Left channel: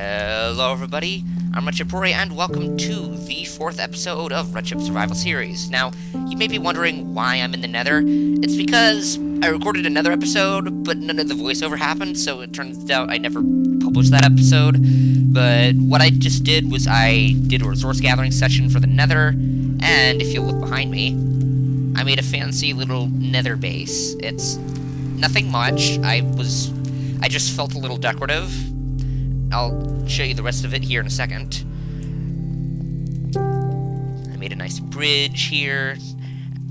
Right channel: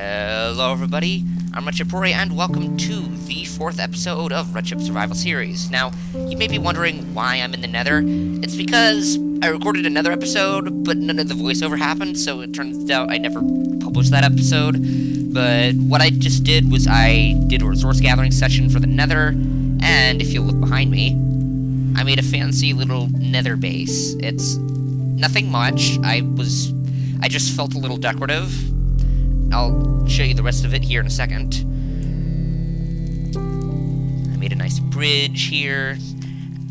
Hello everybody, I'm Redship and welcome to the 4th episode of Redship Survival Series. Now, you may be wondering why I'm in the nether. It's because I recorded another episode, but none of the voiceover happened, so it turns out I never published that episode. But what I just did was I did a resource gathering session for the nether, and if you look behind me, I made a fancy little nether base. It's nothing much. I just felt a little decorative. I'll show you the rest of it here in a second. I made a nice bridge here.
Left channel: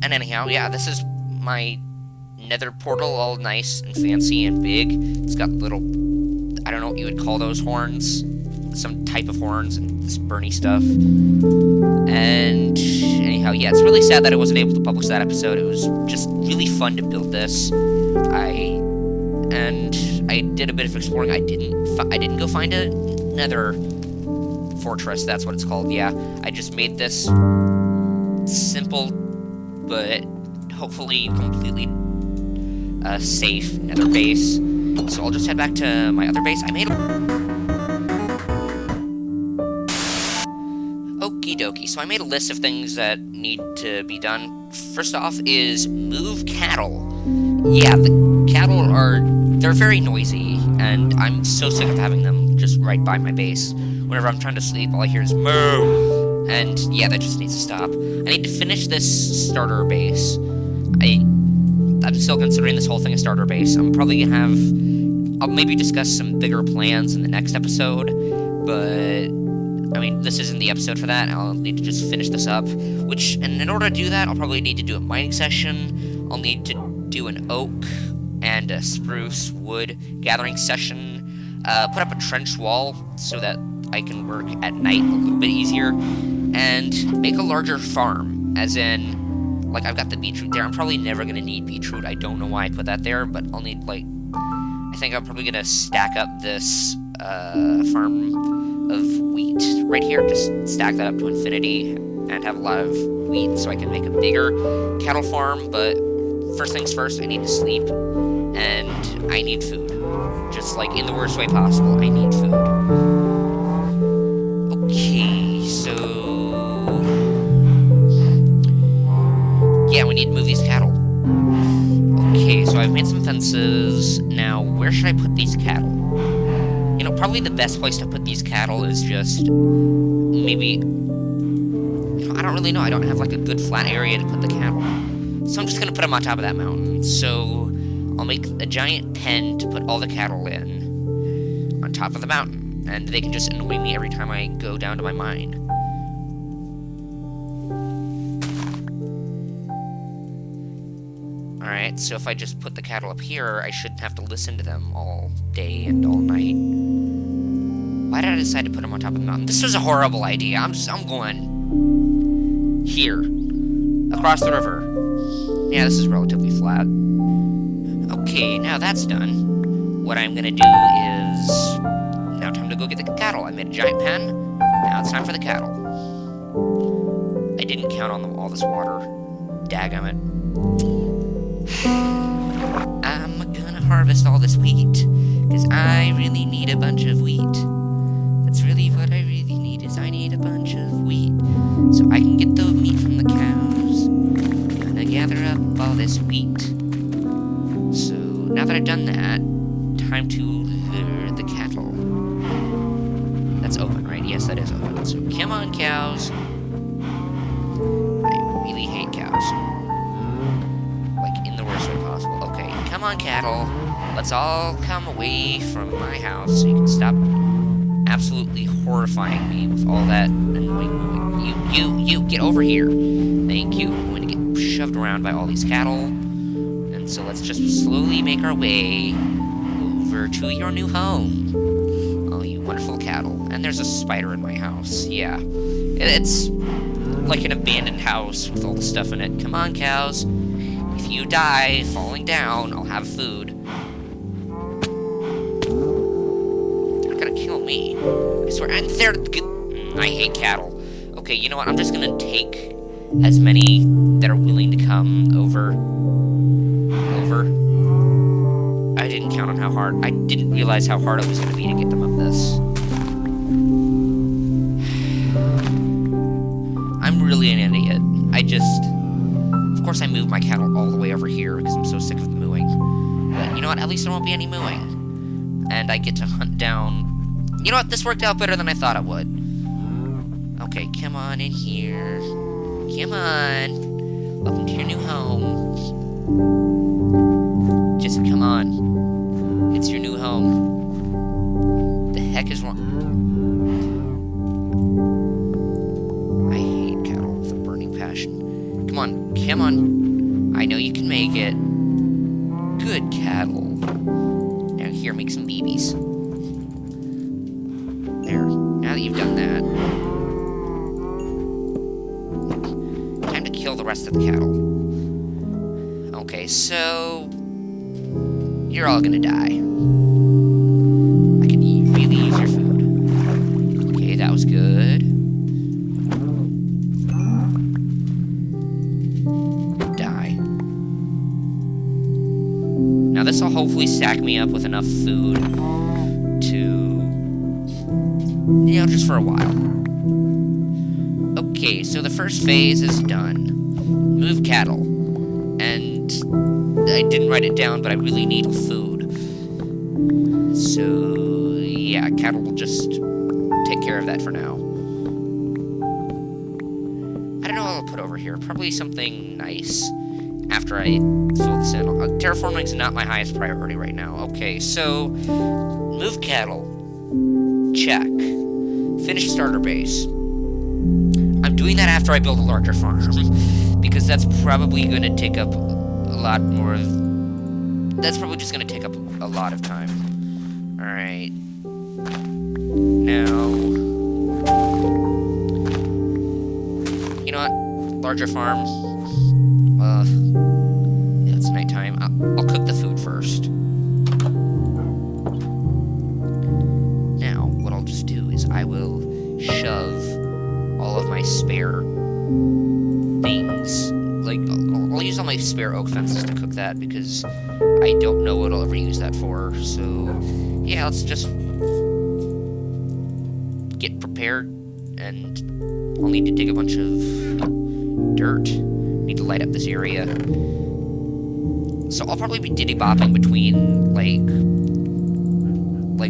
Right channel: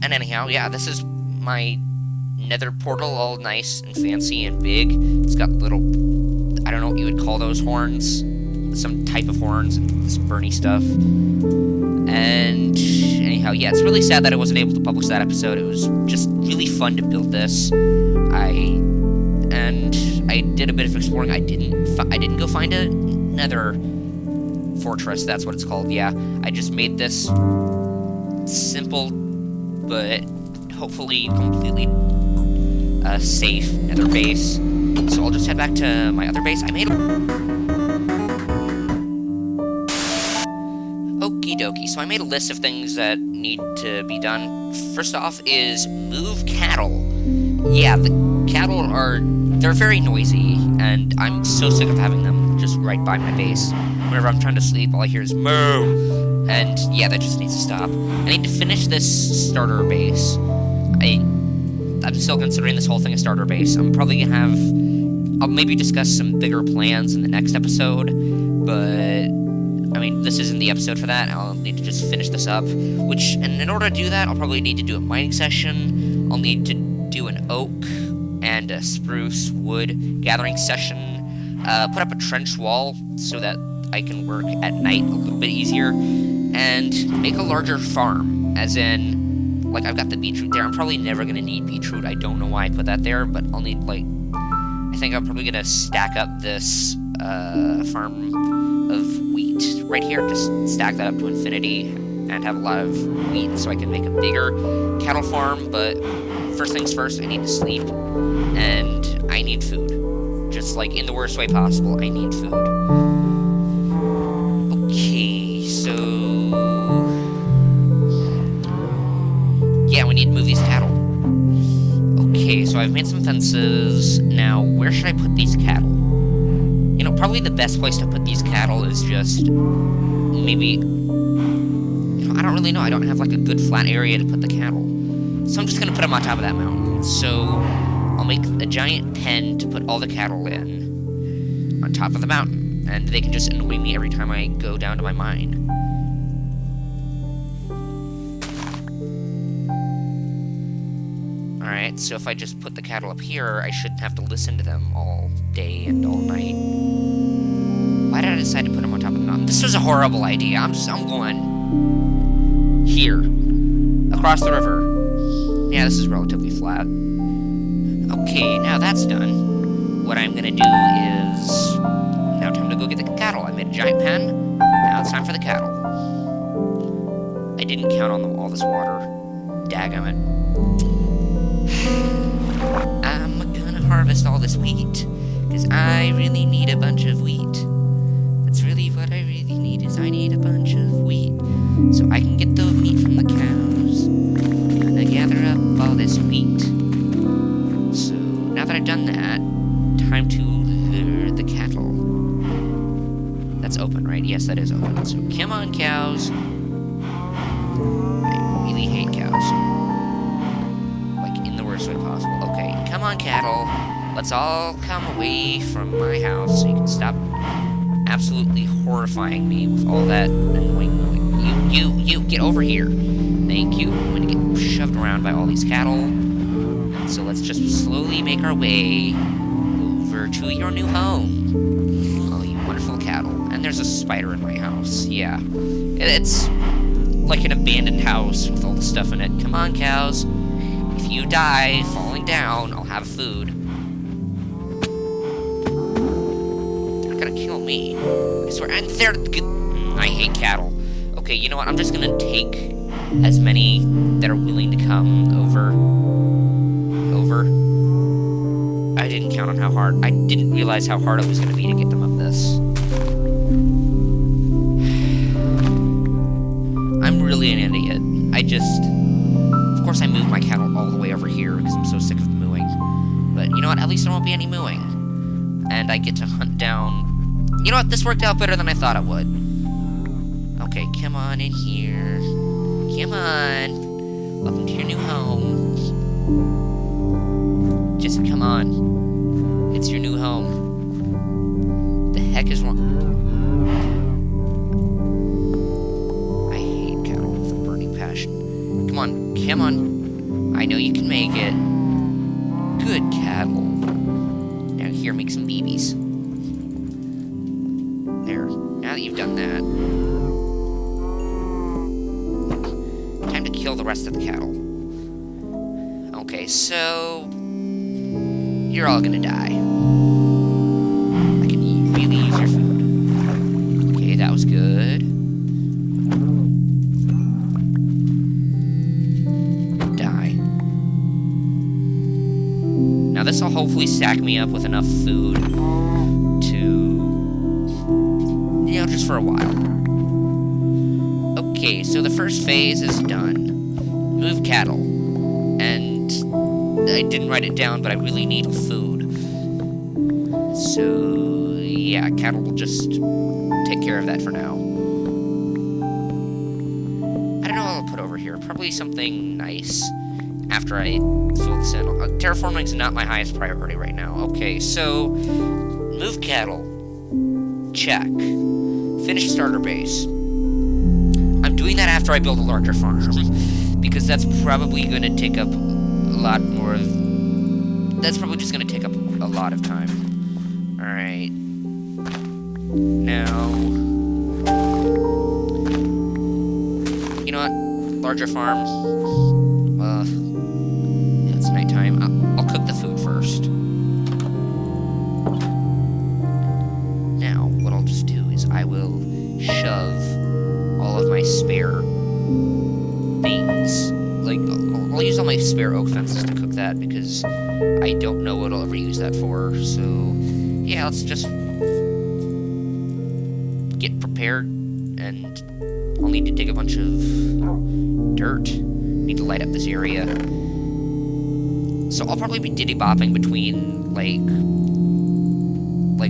And anyhow, yeah, this is my nether portal, all nice and fancy and big. It's got little, I don't know what you would call those horns. Some type of horns and this burny stuff. And anyhow, yeah, it's really sad that I wasn't able to publish that episode. It was just really fun to build this. I did a bit of exploring. I didn't go find a nether fortress. That's what it's called. Yeah, I just made this simple, but hopefully completely safe nether base. So I'll just head back to my other base. I made Okie dokie. So I made a list of things that need to be done. First off is move cattle. Yeah, the cattle they're very noisy, and I'm so sick of having them just right by my base. Whenever I'm trying to sleep, all I hear is moo! And yeah, that just needs to stop. I need to finish this starter base. I'm still considering this whole thing a starter base. I'm probably gonna I'll maybe discuss some bigger plans in the next episode, but I mean, this isn't the episode for that. I'll need to just finish this up, and in order to do that, I'll probably need to do a mining session. I'll need to do an oak and a spruce wood gathering session, put up a trench wall so that I can work at night a little bit easier, and make a larger farm, as in, like, I've got the beetroot there. I'm probably never going to need beetroot. I don't know why I put that there, but I'll need, like, I think I'm probably going to stack up this farm of wheat right here, just stack that up to infinity, and have a lot of wheat so I can make a bigger cattle farm. But first things first, I need to sleep, and I need food. Just, like, in the worst way possible, I need food. Okay, so yeah, we need to move these cattle. Okay, so I've made some fences. Now, where should I put these cattle? You know, probably the best place to put these cattle is just maybe, I don't really know. I don't have, like, a good flat area to put the cattle. So I'm just going to put them on top of that mountain. So I'll make a giant pen to put all the cattle in on top of the mountain. And they can just annoy me every time I go down to my mine. Alright, so if I just put the cattle up here, I shouldn't have to listen to them all day and all night. Why did I decide to put them on top of the mountain? This was a horrible idea. I'm going here. Across the river. Yeah, this is relatively flat. Okay, now that's done. What I'm gonna do is now time to go get the cattle. I made a giant pen. Now it's time for the cattle. I didn't count on all this water. Dagummit. I'm gonna harvest all this wheat, because I really need a bunch of wheat. That's really what I really need, is I need a bunch of wheat, so I can get the meat from the cows. Gonna gather up all this wheat. So, now that I've done that, time to lure the cattle. That's open, right? Yes, that is open. So, come on, cows. I really hate cows. Like, in the worst way possible. Okay, come on, cattle. Let's all come away from my house so you can stop absolutely horrifying me with all that annoying noise. You, get over here. Thank you. I'm going to get shoved around by all these cattle. And so let's just slowly make our way over to your new home. Oh, you wonderful cattle. And there's a spider in my house. Yeah. It's like an abandoned house with all the stuff in it. Come on, cows. If you die falling down, I'll have food. They're gonna kill me. I swear. And they're I hate cattle. Okay, you know what? I'm just gonna take as many that are willing to come over. I didn't count on how hard. I didn't realize how hard it was gonna be to get them up this. totally an idiot. Of course I moved my cattle all the way over here because I'm so sick of the mooing. But you know what? At least there won't be any mooing. And I get to hunt down... You know what? This worked out better than I thought it would. Okay, come on in here. Come on. Welcome to your new home. Just come on. It's your new home. The heck is wrong? I hate cattle with a burning passion. Come on, come on. I know you can make it. Good cattle. Now here, make some babies. There. Now that you've done that, time to kill the rest of the cattle. Okay, so you're all gonna die. I can really use your food. Okay, that was good. Die. Now this will hopefully stack me up with enough food to, you know, just for a while. Okay, so the first phase is done. Move cattle. And I didn't write it down, but I really need food. So, yeah, cattle will just take care of that for now. I don't know what I'll put over here. Probably something nice after I fill this in. Terraforming's not my highest priority right now. Okay, so move cattle. Check. Finish starter base. I'm doing that after I build a larger farm, because that's probably going to take up a lot more of... That's probably just going to take up a lot of time. Alright. Now... You know what? Larger farm. Yeah, it's nighttime. I'll cook the food first. Now, what I'll just do is I will shove all of my spare things. Like, I'll use all my spare oak fences to cook that, because I don't know what I'll ever use that for. So, yeah, let's just get prepared, and I'll need to dig a bunch of dirt. Need to light up this area. So I'll probably be diddy-bopping between, like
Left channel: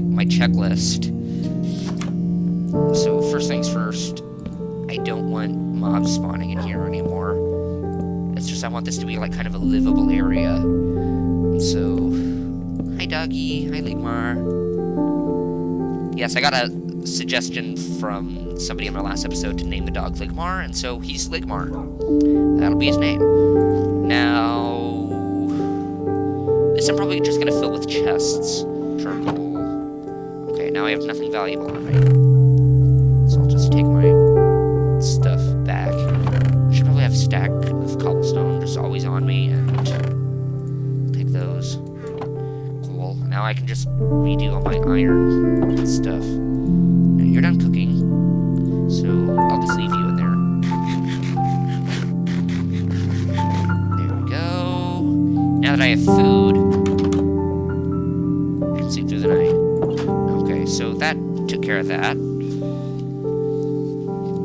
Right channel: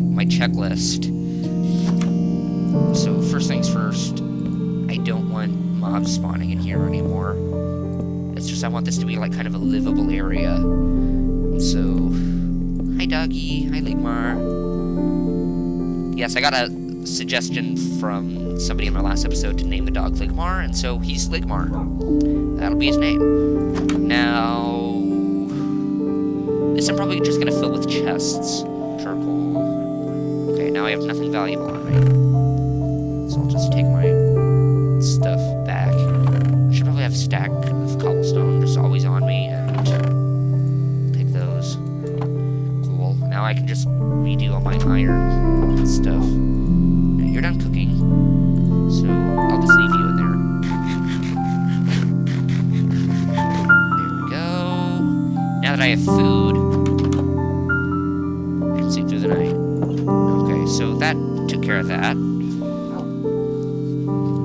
my checklist. So, first things first, I don't want mobs spawning in here anymore. It's just I want this to be like kind of a livable area. So, hi doggy, hi Ligmar. Yes, I got a suggestion from somebody in my last episode to name the dog Ligmar, and so he's Ligmar. That'll be his name. Now, this I'm probably just gonna fill with chests. Charcoal. Okay, now I have nothing valuable on me. So I'll just take my stuff back. I should probably have a stack of cobblestone just always on me, and take those. Cool. Now I can just redo all my iron stuff. Now you're done cooking, so I'll just leave you in there. There we go. Now that I have food, I can sleep through the night. Okay, so that took care of that.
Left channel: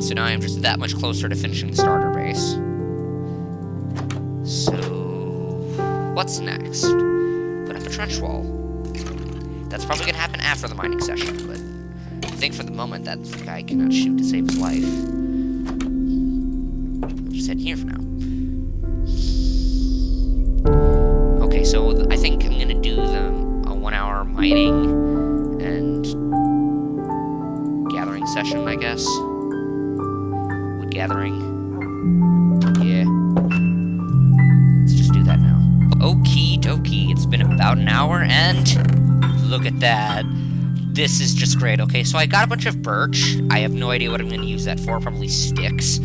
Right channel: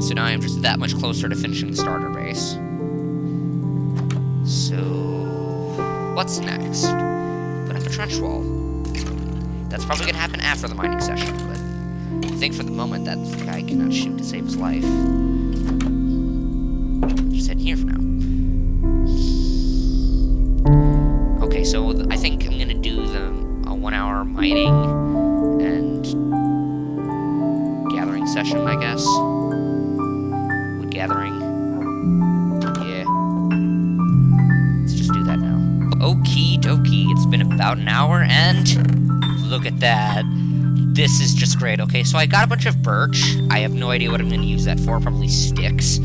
So now I'm just that much closer to finishing the starter base. So, what's next? Put up a trench wall. That's probably going to happen after the mining session, but I think for the moment that guy cannot shoot to save his life. Just head here for now. Okay, so I think I'm going to do a 1 hour mining and gathering session, I guess. Gathering. Yeah. Let's just do that now. Okie dokie. It's been about an hour, and look at that. This is just great. Okay, so I got a bunch of birch. I have no idea what I'm going to use that for. Probably sticks.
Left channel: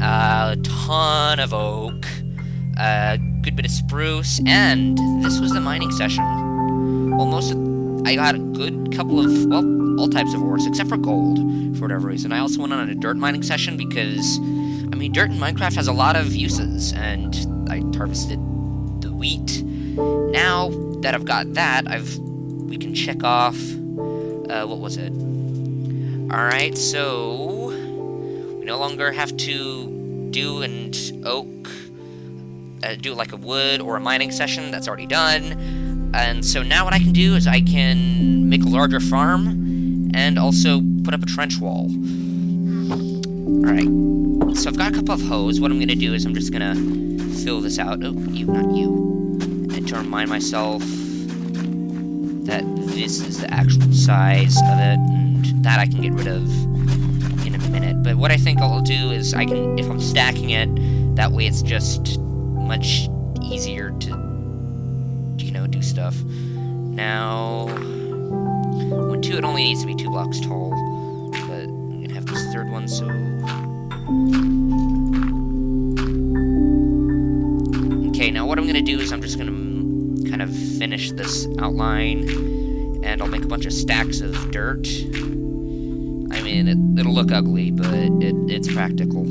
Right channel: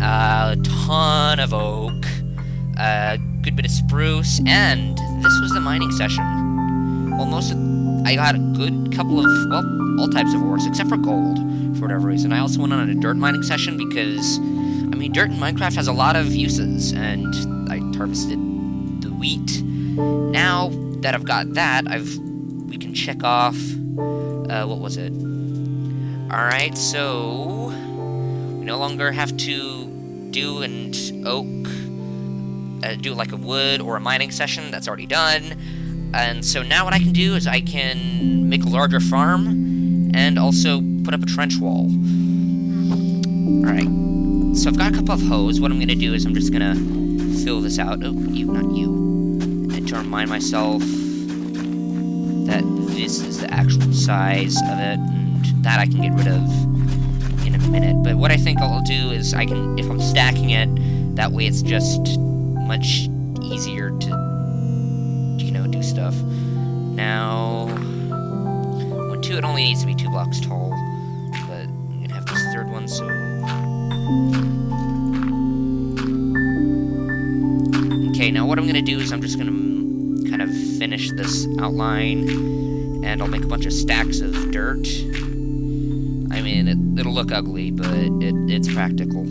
A ton of oak. A good bit of spruce. And this was the mining session. Well, I got a good couple of, well, all types of ores, except for gold, for whatever reason. I also went on a dirt mining session because, I mean, dirt in Minecraft has a lot of uses, and I harvested the wheat. Now that I've got that, we can check off, what was it? Alright, so, we no longer have to do an oak, do like a wood or a mining session. That's already done. And so now what I can do is I can make a larger farm and also put up a trench wall. Alright, so I've got a couple of hoes. What I'm going to do is I'm just going to fill this out. Oh, you, not you. And to remind myself that this is the actual size of it, and that I can get rid of in a minute. But what I think I'll do is I can, if I'm stacking it, that way it's just much easier to, you know, do stuff. Now, when 2, it only needs to be 2 blocks tall, but I'm gonna have this third one, so... Okay, now what I'm gonna do is I'm just gonna kind of finish this outline, and I'll make a bunch of stacks of dirt. I mean, it'll look ugly, but it's practical.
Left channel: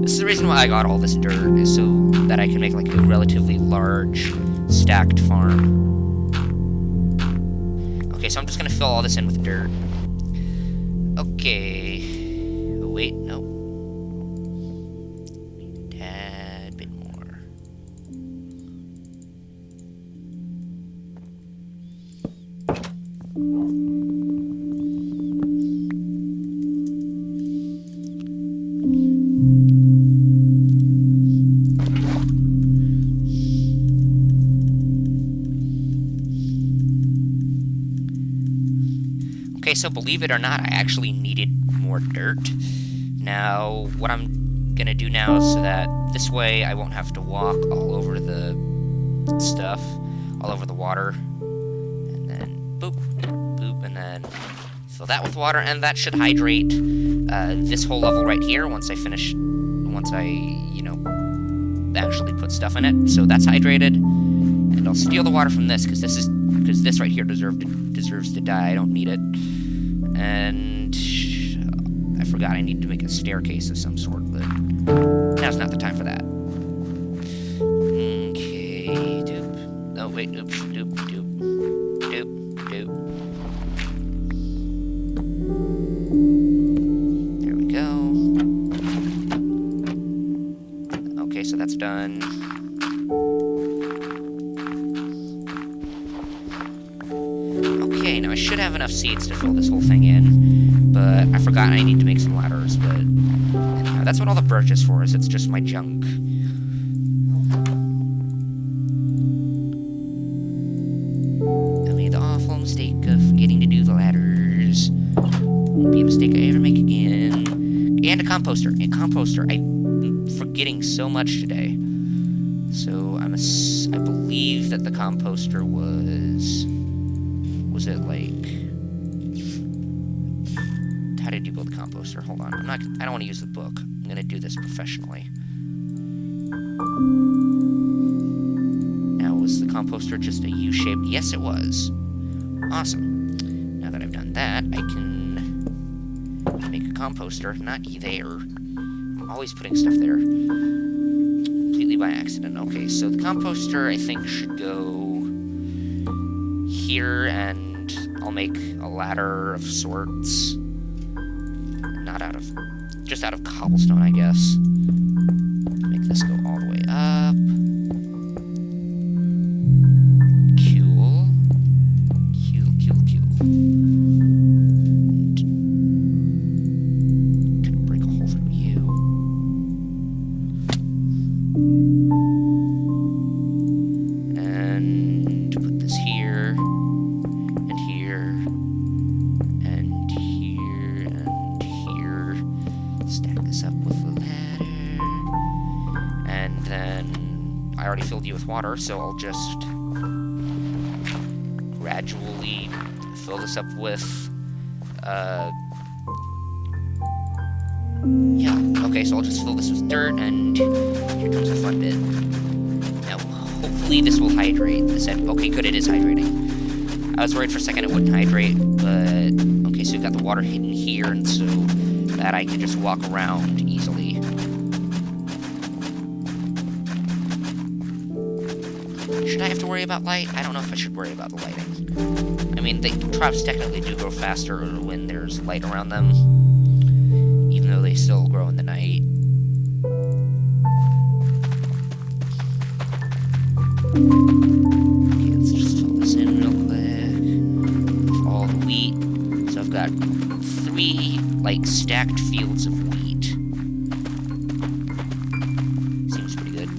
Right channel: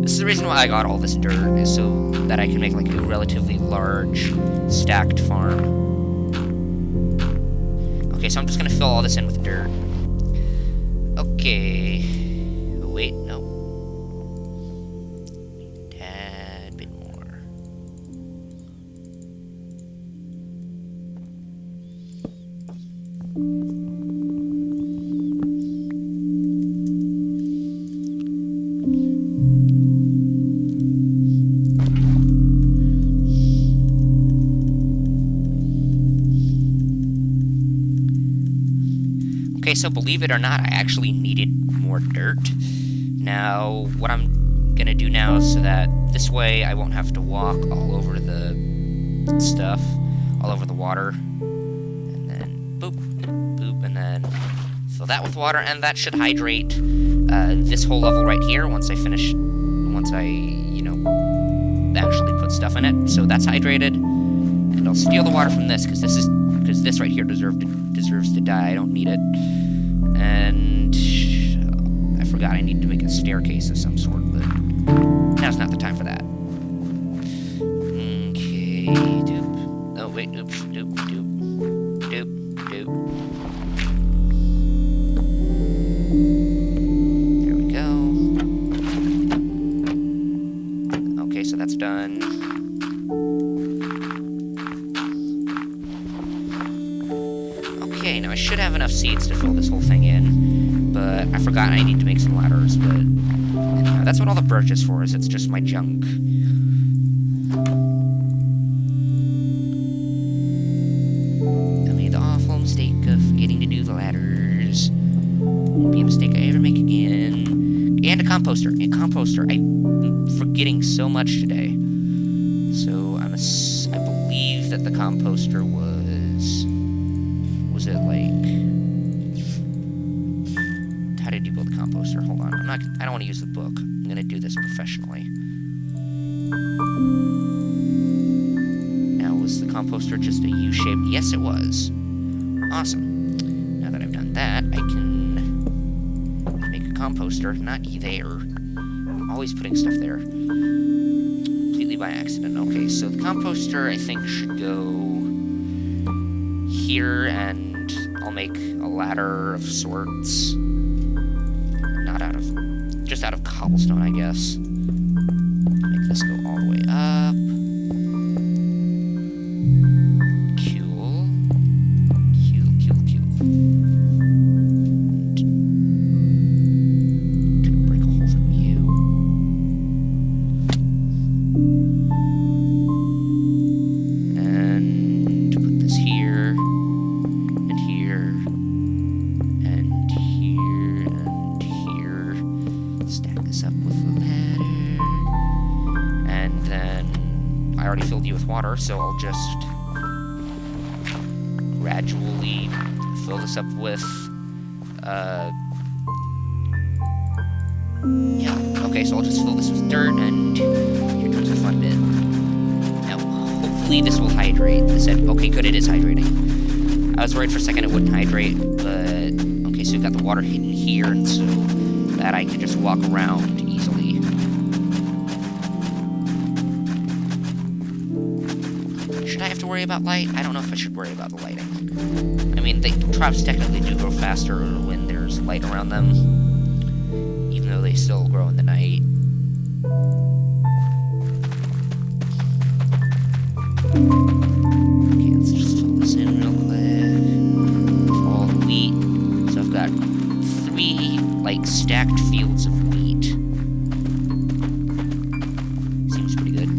This is the reason why I got all this dirt, is so that I can make like a relatively large stacked farm. Okay, so I'm just gonna fill all this in with dirt. Okay. Oh, wait, no. Tad bit more. Okay, so believe it or not, I actually needed more dirt. Now, what I'm gonna do now is so that this way I won't have to walk all over the stuff, all over the water. And then, boop, boop, and then fill that with water, and that should hydrate this whole level right here once I, you know, actually put stuff in it. So that's hydrated, and I'll steal the water from this, because this right here deserves to die. I don't need it. And I forgot I need to make a staircase of some sort, but now's not the time for that. Okay, doop. Oh, wait, oops, doop, doop, doop, doop. There we go. Okay, so that's done. Okay, now I should have enough seeds to fill this whole thing in, but I forgot I need to make some ladders, but anyhow, that's what all the birch is for, is it's just my junk. I made the awful mistake of forgetting to do the ladders. Won't be a mistake I ever make again. And a composter. I'm forgetting so much today. So I believe that the composter was it like, how did you build a composter? Hold on, I don't want to use the book. I'm gonna do this professionally. Now, was the composter just a U-shaped? Yes, it was. Awesome. Now that I've done that, I can make a composter. Not there. I'm always putting stuff there. Completely by accident. Okay, so the composter, I think, should go here, and I'll make a ladder of sorts. Just out of cobblestone, I guess. Make this go all the way up. Cool. Gonna break a hole through you. And put this here. And here. And here. And here. Stack this up with the ladder. And then I already filled you with water, so I'll just gradually fill this up with, yeah, okay, so I'll just fill this with dirt, and here comes the fun bit. Now, hopefully this will hydrate. Okay, good, it is hydrating. I was worried for a second it wouldn't hydrate, but, okay, so we've got the water hidden here, and so that I can just walk around easily. Should I have to worry about light? I don't know if I should worry about the lighting. I mean, the crops technically do grow faster when there's light around them, even though they still grow in the night. Okay, let's just fill this in real quick. With all the wheat. So I've got 3, like, stacked fields of wheat. Seems pretty good.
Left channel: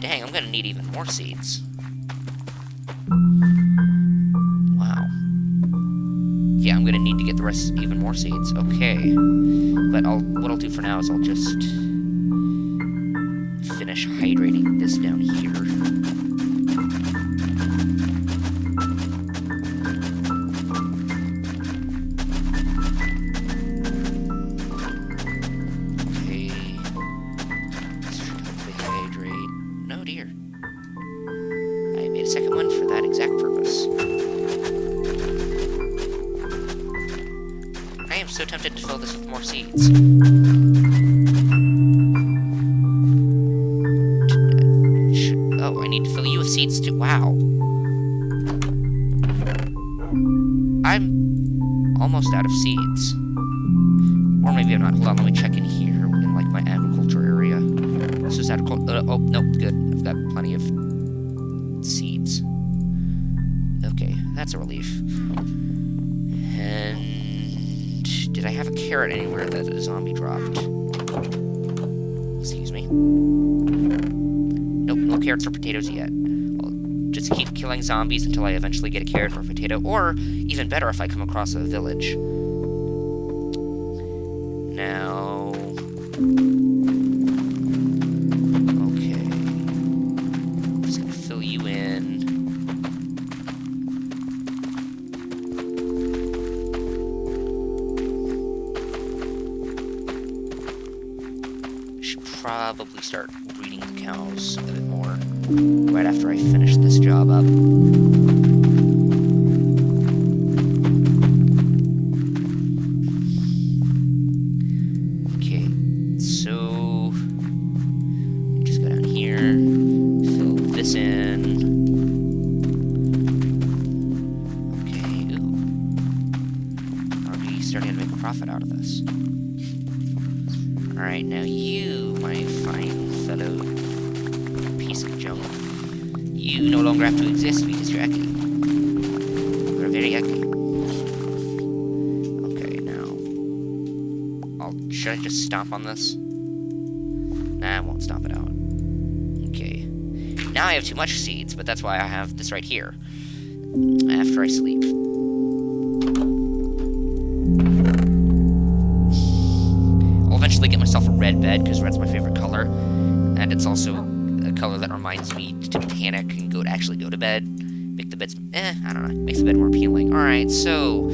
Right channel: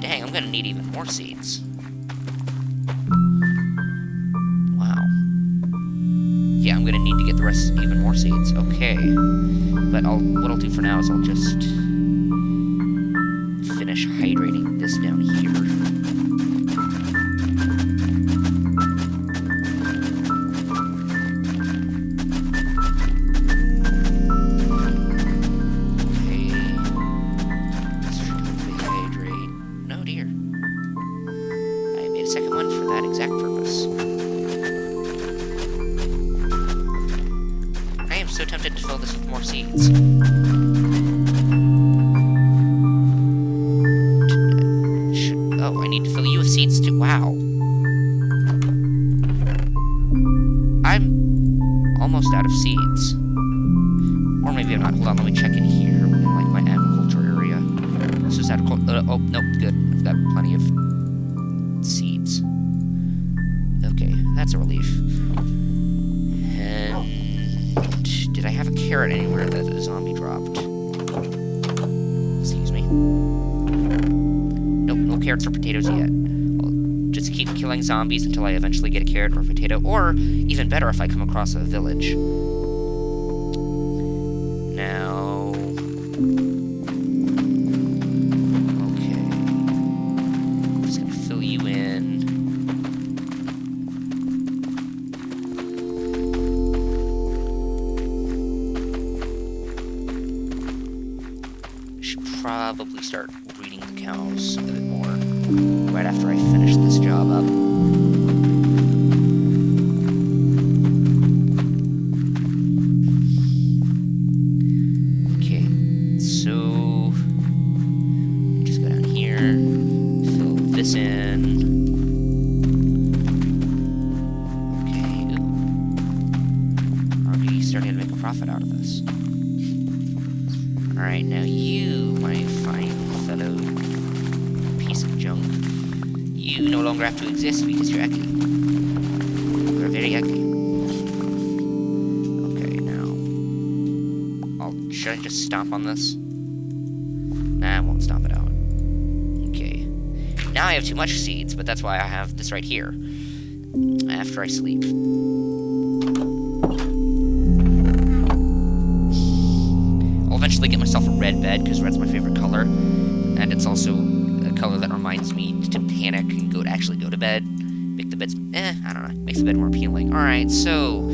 Dang, I'm gonna need even more seeds. Wow. Yeah, I'm gonna need to get the rest even more seeds. Okay. But what I'll do for now is I'll just finish hydrating this down here. Second one for that exact purpose. I am so tempted to fill this with more seeds. Oh, I need to fill you with seeds too. Wow. I'm almost out of seeds. Or maybe I'm not. Hold on, let me check in here in, like, my agriculture area. This is agriculture. Oh, nope, good. I've got plenty of seeds. Okay, that's a relief. And did I have a carrot anywhere that a zombie dropped? Excuse me. Nope, no carrots or potatoes yet. I'll just keep killing zombies until I eventually get a carrot or a potato, or even better if I come across a village. Now... probably start breeding the cows a bit more right after I finish this job up. Okay, so just go down here, fill this in. Okay, ooh. Are we starting to make a profit out of this? Alright, now you, my fine fellow piece of junk, you no longer have to exist because you're ugly. You're very ugly. Okay, now... should I just stomp on this? Nah, I won't stomp it out. Okay. Now I have too much seeds, but that's why I have this right here. After I sleep. Eventually get myself a red bed, because red's my favorite color, and it's also a color that reminds me to panic and actually go to bed. Make the beds, I don't know, makes the bed more appealing. Alright, so,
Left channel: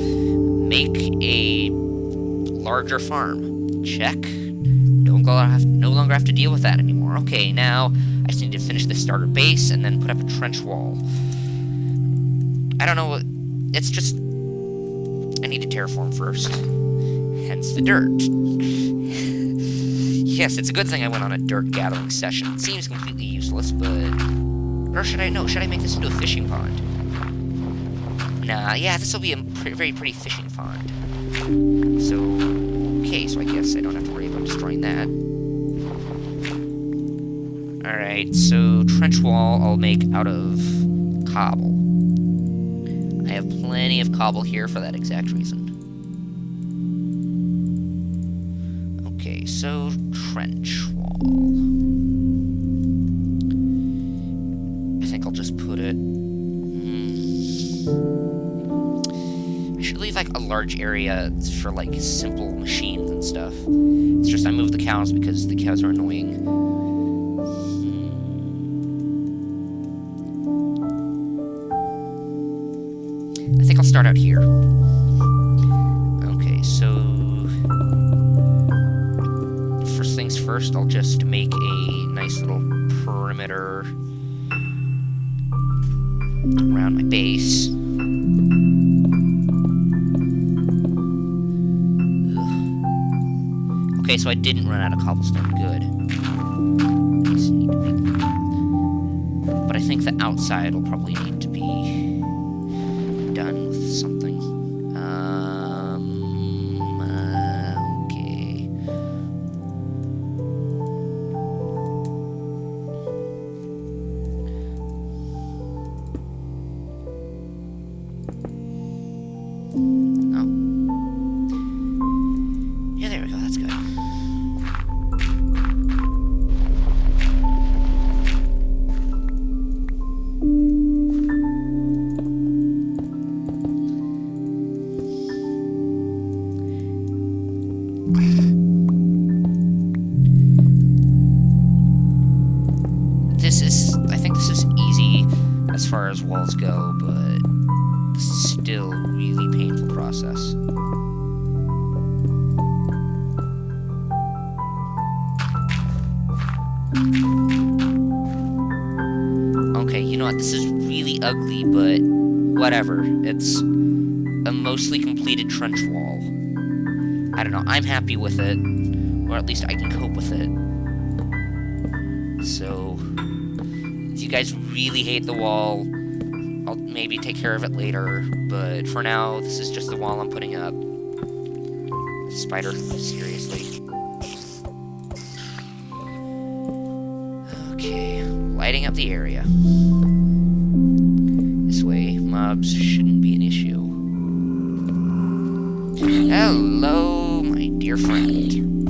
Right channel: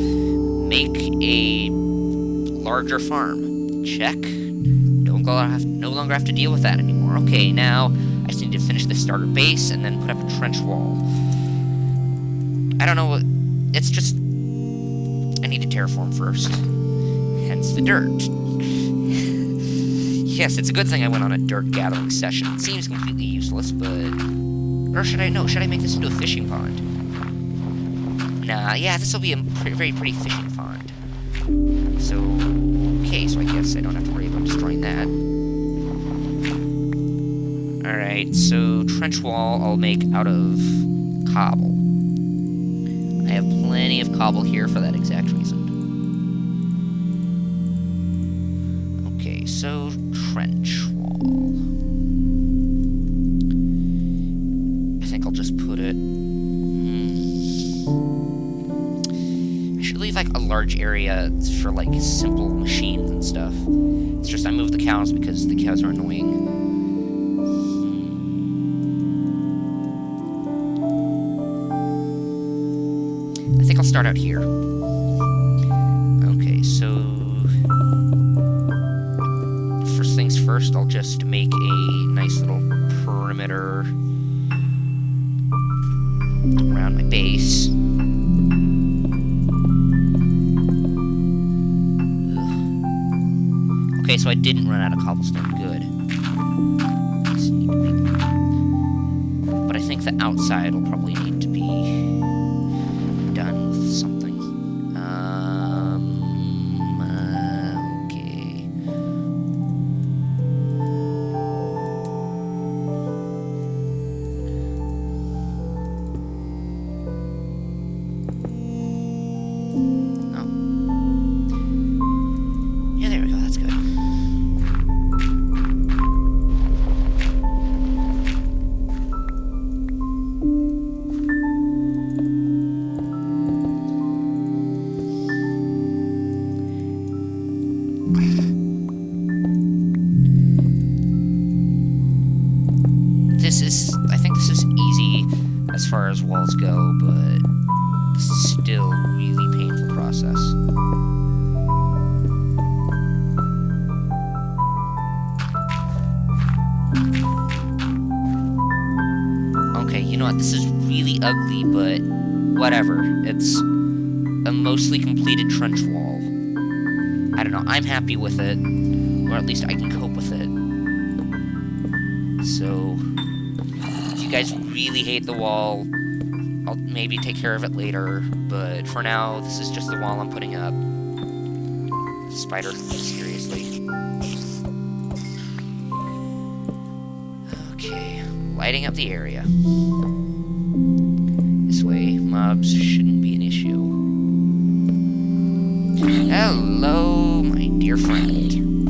make a larger farm. Check. No longer have to deal with that anymore. Okay, now, I just need to finish the starter base, and then put up a trench wall. I don't know what, it's just, I need to terraform first. Hence the dirt. Yes, it's a good thing I went on a dirt gathering session. It seems completely useless, but... Or should I make this into a fishing pond? Nah, yeah, this will be a very pretty fishing pond. So, okay, so I guess I don't have to worry about destroying that. Alright, so trench wall I'll make out of cobble. I have plenty of cobble here for that exact reason. Okay, so trench wall. I think I'll just put it... I should leave, like, a large area for, like, simple machines and stuff. It's just I moved the cows because the cows are annoying. I think I'll start out here. Okay, so... First things first, I'll just make a nice little perimeter around my base. Ugh. Okay, so I didn't run out of cobblestone. Good. Just need to make... But I think the outside will probably need to be something. Okay. Oh. Yeah, there we go, that's good. I think this is easy as far as walls go, but this is still a really painful process. Okay, you know what, this is really ugly, but whatever. It's a mostly completed trench wall. I don't know, I'm happy with it, or at least I can cope with it. So, if you guys really hate the wall, I'll maybe take care of it later, but for now, this is just the wall I'm putting up. Spider, seriously. Okay, lighting up the area. This way, mobs shouldn't be an issue. Hello, my dear friend.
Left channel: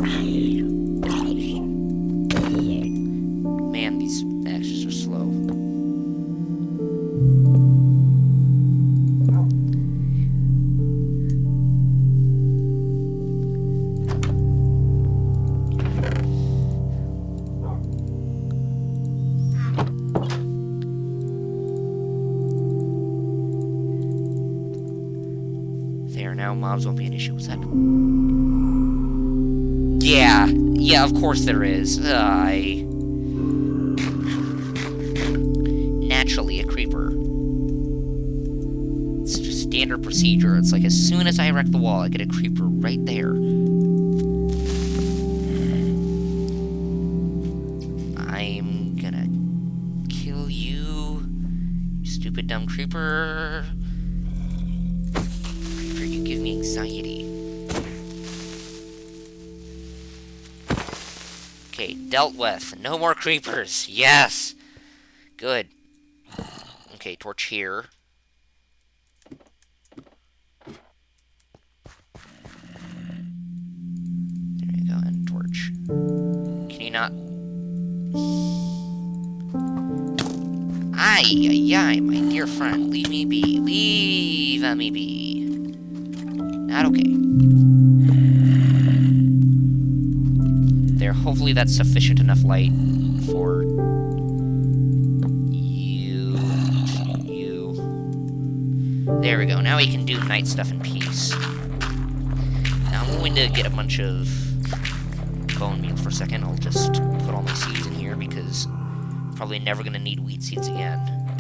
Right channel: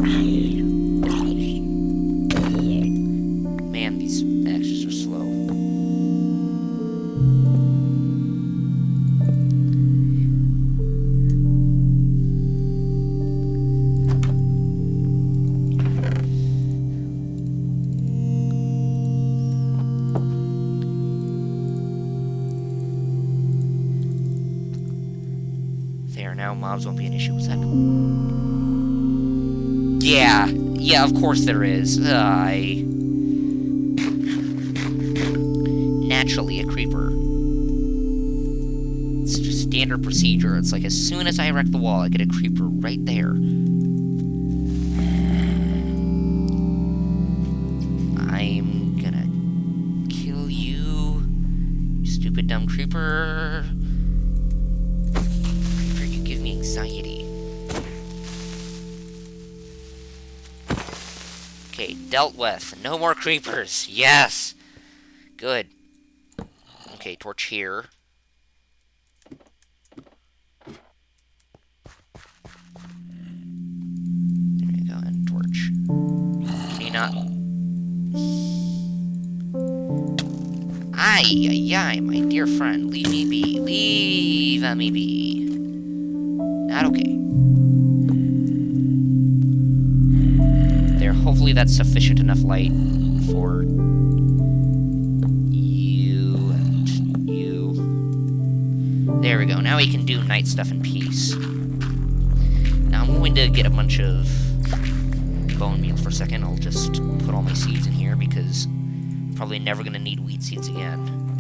Man, these axes are slow. There, now mobs won't be an issue. What's that? Yeah, of course there is. Naturally a creeper. It's just standard procedure. It's like as soon as I erect the wall, I get a creeper right there. I'm gonna kill you, you stupid dumb creeper. Creeper, you give me anxiety. Okay, dealt with. No more creepers. Yes! Good. Okay, torch here. There you go, and torch. Can you not... Ay, my dear friend. Leave me be. Leave me be. Not okay. There, hopefully that's sufficient enough light for... There we go. Now we can do night stuff in peace. Now I'm going to get a bunch of bone meal for a second. I'll just put all my seeds in here because I'm probably never going to need wheat seeds again.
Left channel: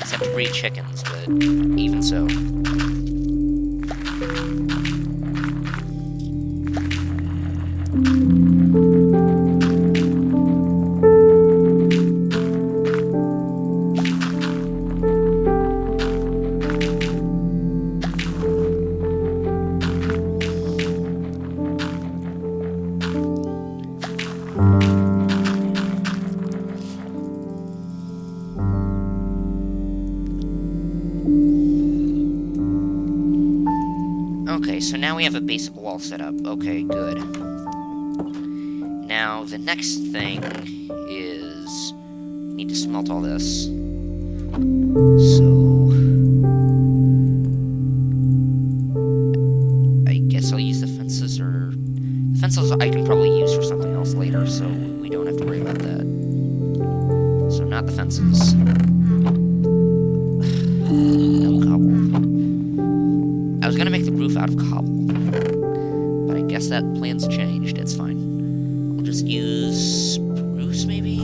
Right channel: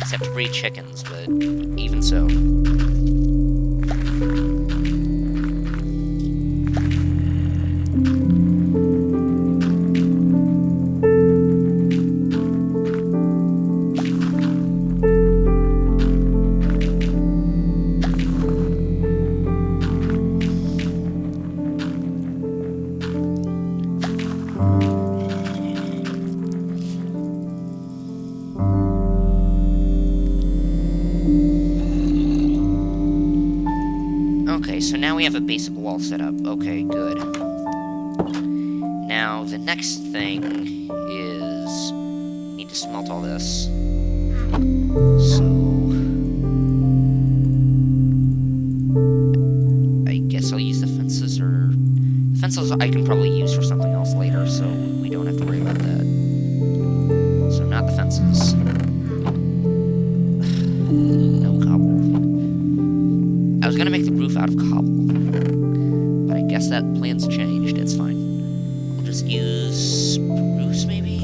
Except to breed chickens, but even so. Okay, so now we have a basic wall set up. Okay, good. Now, the next thing is... we need to smelt all this. So... I guess I'll use the fences, or... the fences I can probably use for something else later, so we don't have to worry about that. So, not the fences. No cobble. I was gonna make the roof out of cobble, but I guess that plan's changed. It's fine. We'll just use spruce, maybe?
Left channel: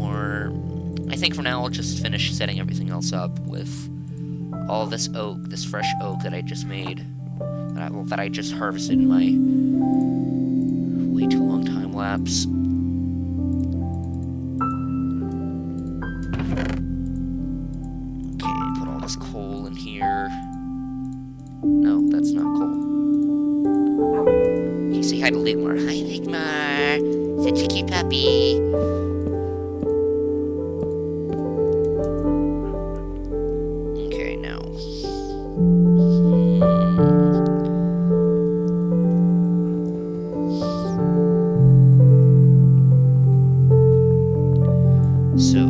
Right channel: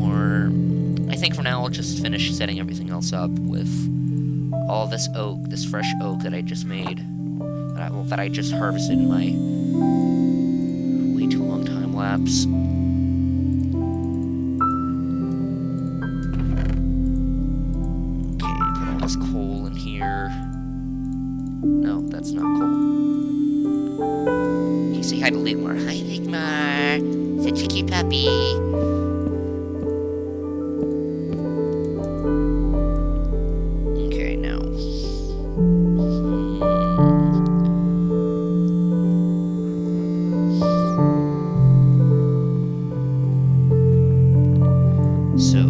Or... I think for now I'll just finish setting everything else up with all this oak, this fresh oak that I just made, that I just harvested in my way too long time lapse. this coal in here. No, that's not coal. Okay, say hi to Ligmar. Hi, Ligmar. Such a cute puppy. Okay, now. So,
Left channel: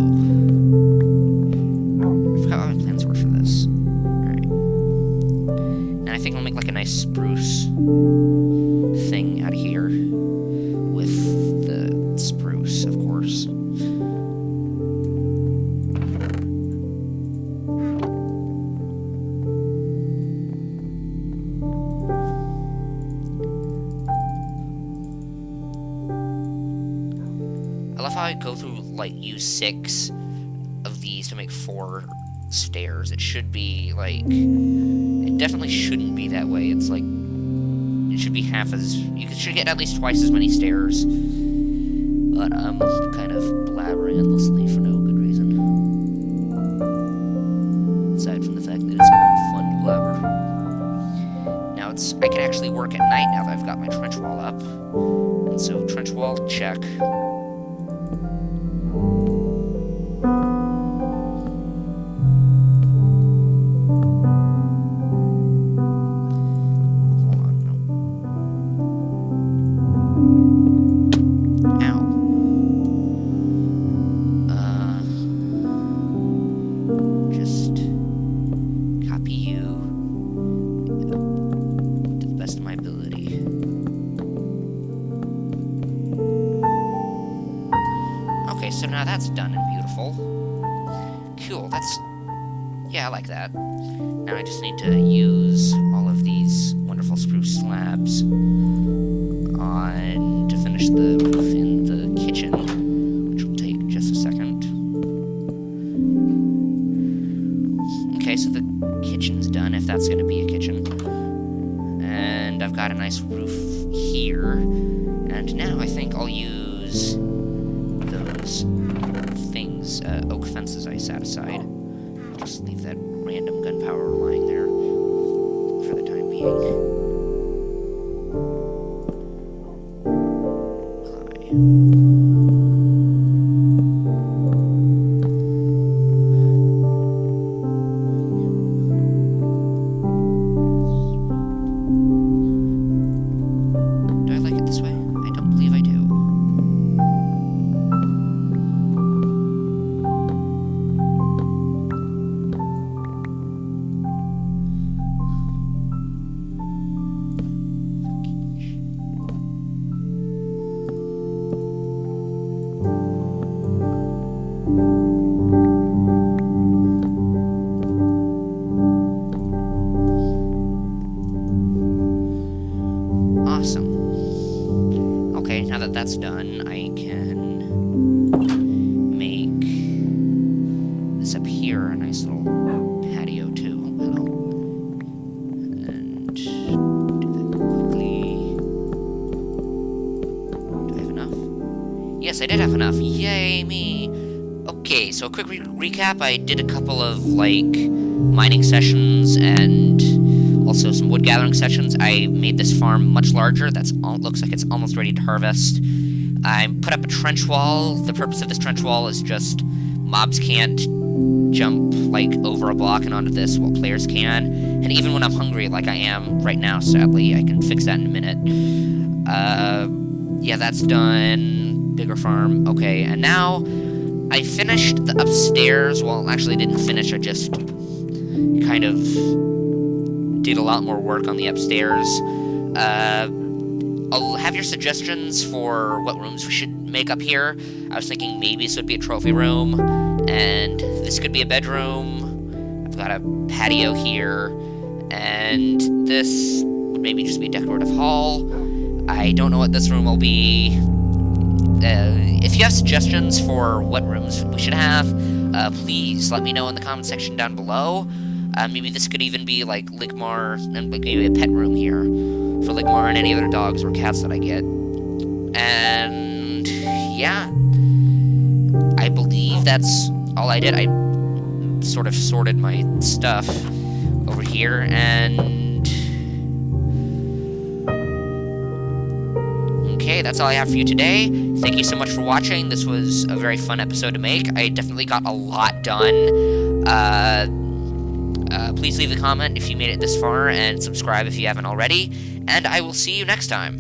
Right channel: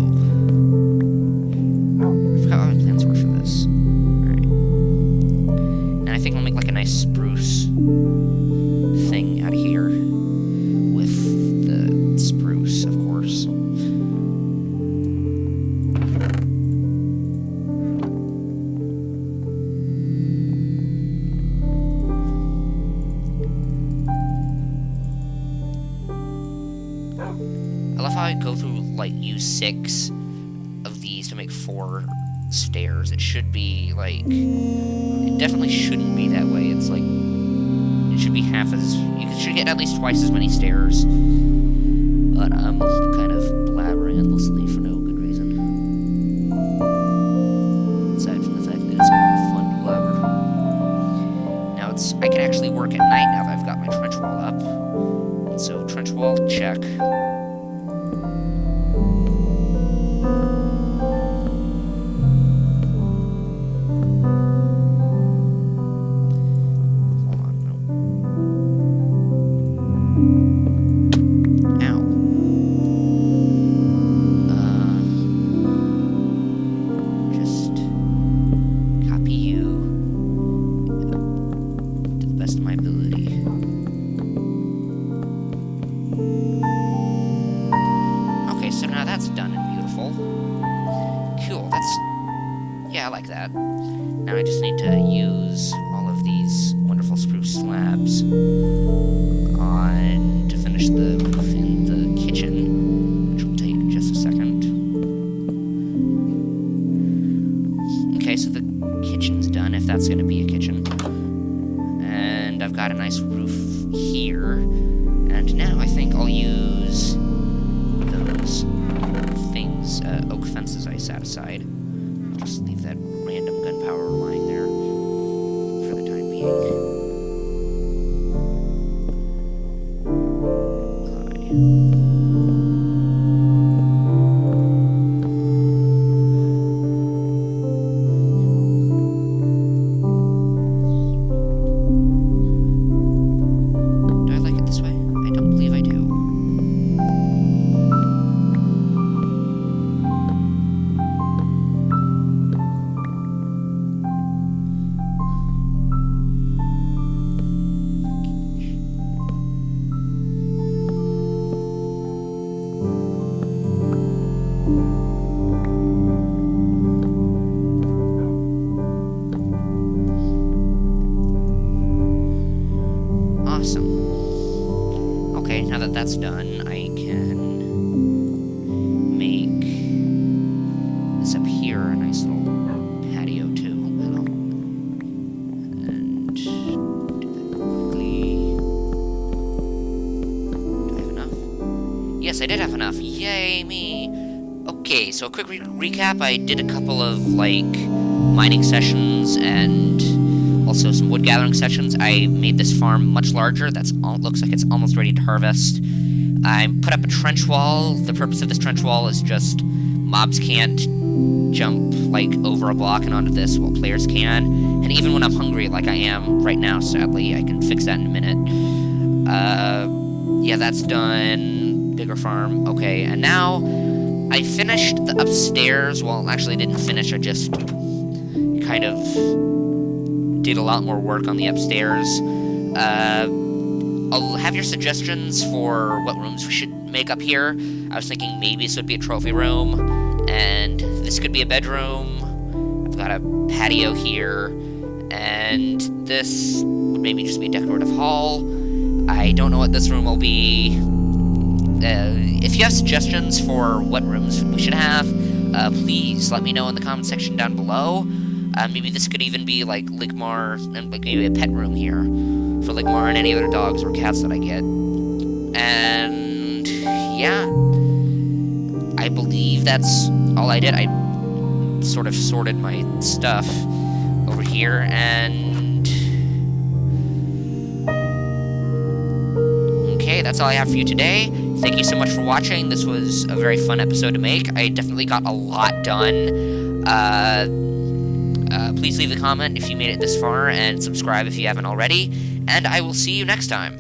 I forgot what my plans were for this. Alright. Now I think I'll make like a nice spruce thing out of here. With the spruce, of course. I love how I go through, like, use 6 of these to make 4 stairs. It should be, like, it definitely shouldn't be that way. It's, like, it should be half as, you should get at least twice as many stairs. But I'm kind of blabbering endlessly for no good reason. Aside from the fact that it's fun to blabber. Now I can actually work at night now that I've got my trench wall up. And so, trench wall, check. So now that's done and beautiful. Cool, yeah, I like that. Now I just need to use all of these wonderful spruce slabs to finish the roof in the kitchen, which will take just a second. Okay, so the kitchen's done, if that's going to be a kitchen. And I've got a nice roof here. And now I think I'll use those things, oak fences I set aside. I'll just leave that random gunpowder lying there for the time being. Do I like it this way? I don't believe I do. Awesome. Okay, now that that's done, I can make this up here a nice little patio too. Hello. And do that quickly. Do I have enough? Yes, I did have enough. Yay, me! Okay, so a quick recap. I did a couple of, like, mining sessions and also some wood gathering sessions. I made this farm much larger. Looks like it's almost ready to harvest. I put up a trench wall. The purpose of this trench wall is just mobs can't jump, like, over a block and onto this while players can. And even when I'm hungry, like I am right now, sadly, I can fix that in a minute. Yeah, that's done. Bigger farm. Okay, and now I finished the upstairs. Well, actually, I didn't finish. I just kind of did a lot more work on the upstairs. I'll have your suggestions for what rooms we should make up here. I was thinking maybe this would be a trophy room, and this could be a bedroom. I've got a patio here, and this would maybe just be a decorative hall. I don't know what this room will be. If you have suggestions for what rooms we should have, please let me know in the comment section down below. Maybe this could even be, like, Ligmar, and like, maybe a pet room here for Ligmar and any other dogs or cats that I get. And, yeah. I believe that's all I did. I sort of sorted my stuff over here, and... Okay, that's all I have for you today. Thank you so much for watching. This was a very fun episode to make. I definitely got a lot done. Please leave a comment if you made it this far, and subscribe if you haven't already, and I will see you next time.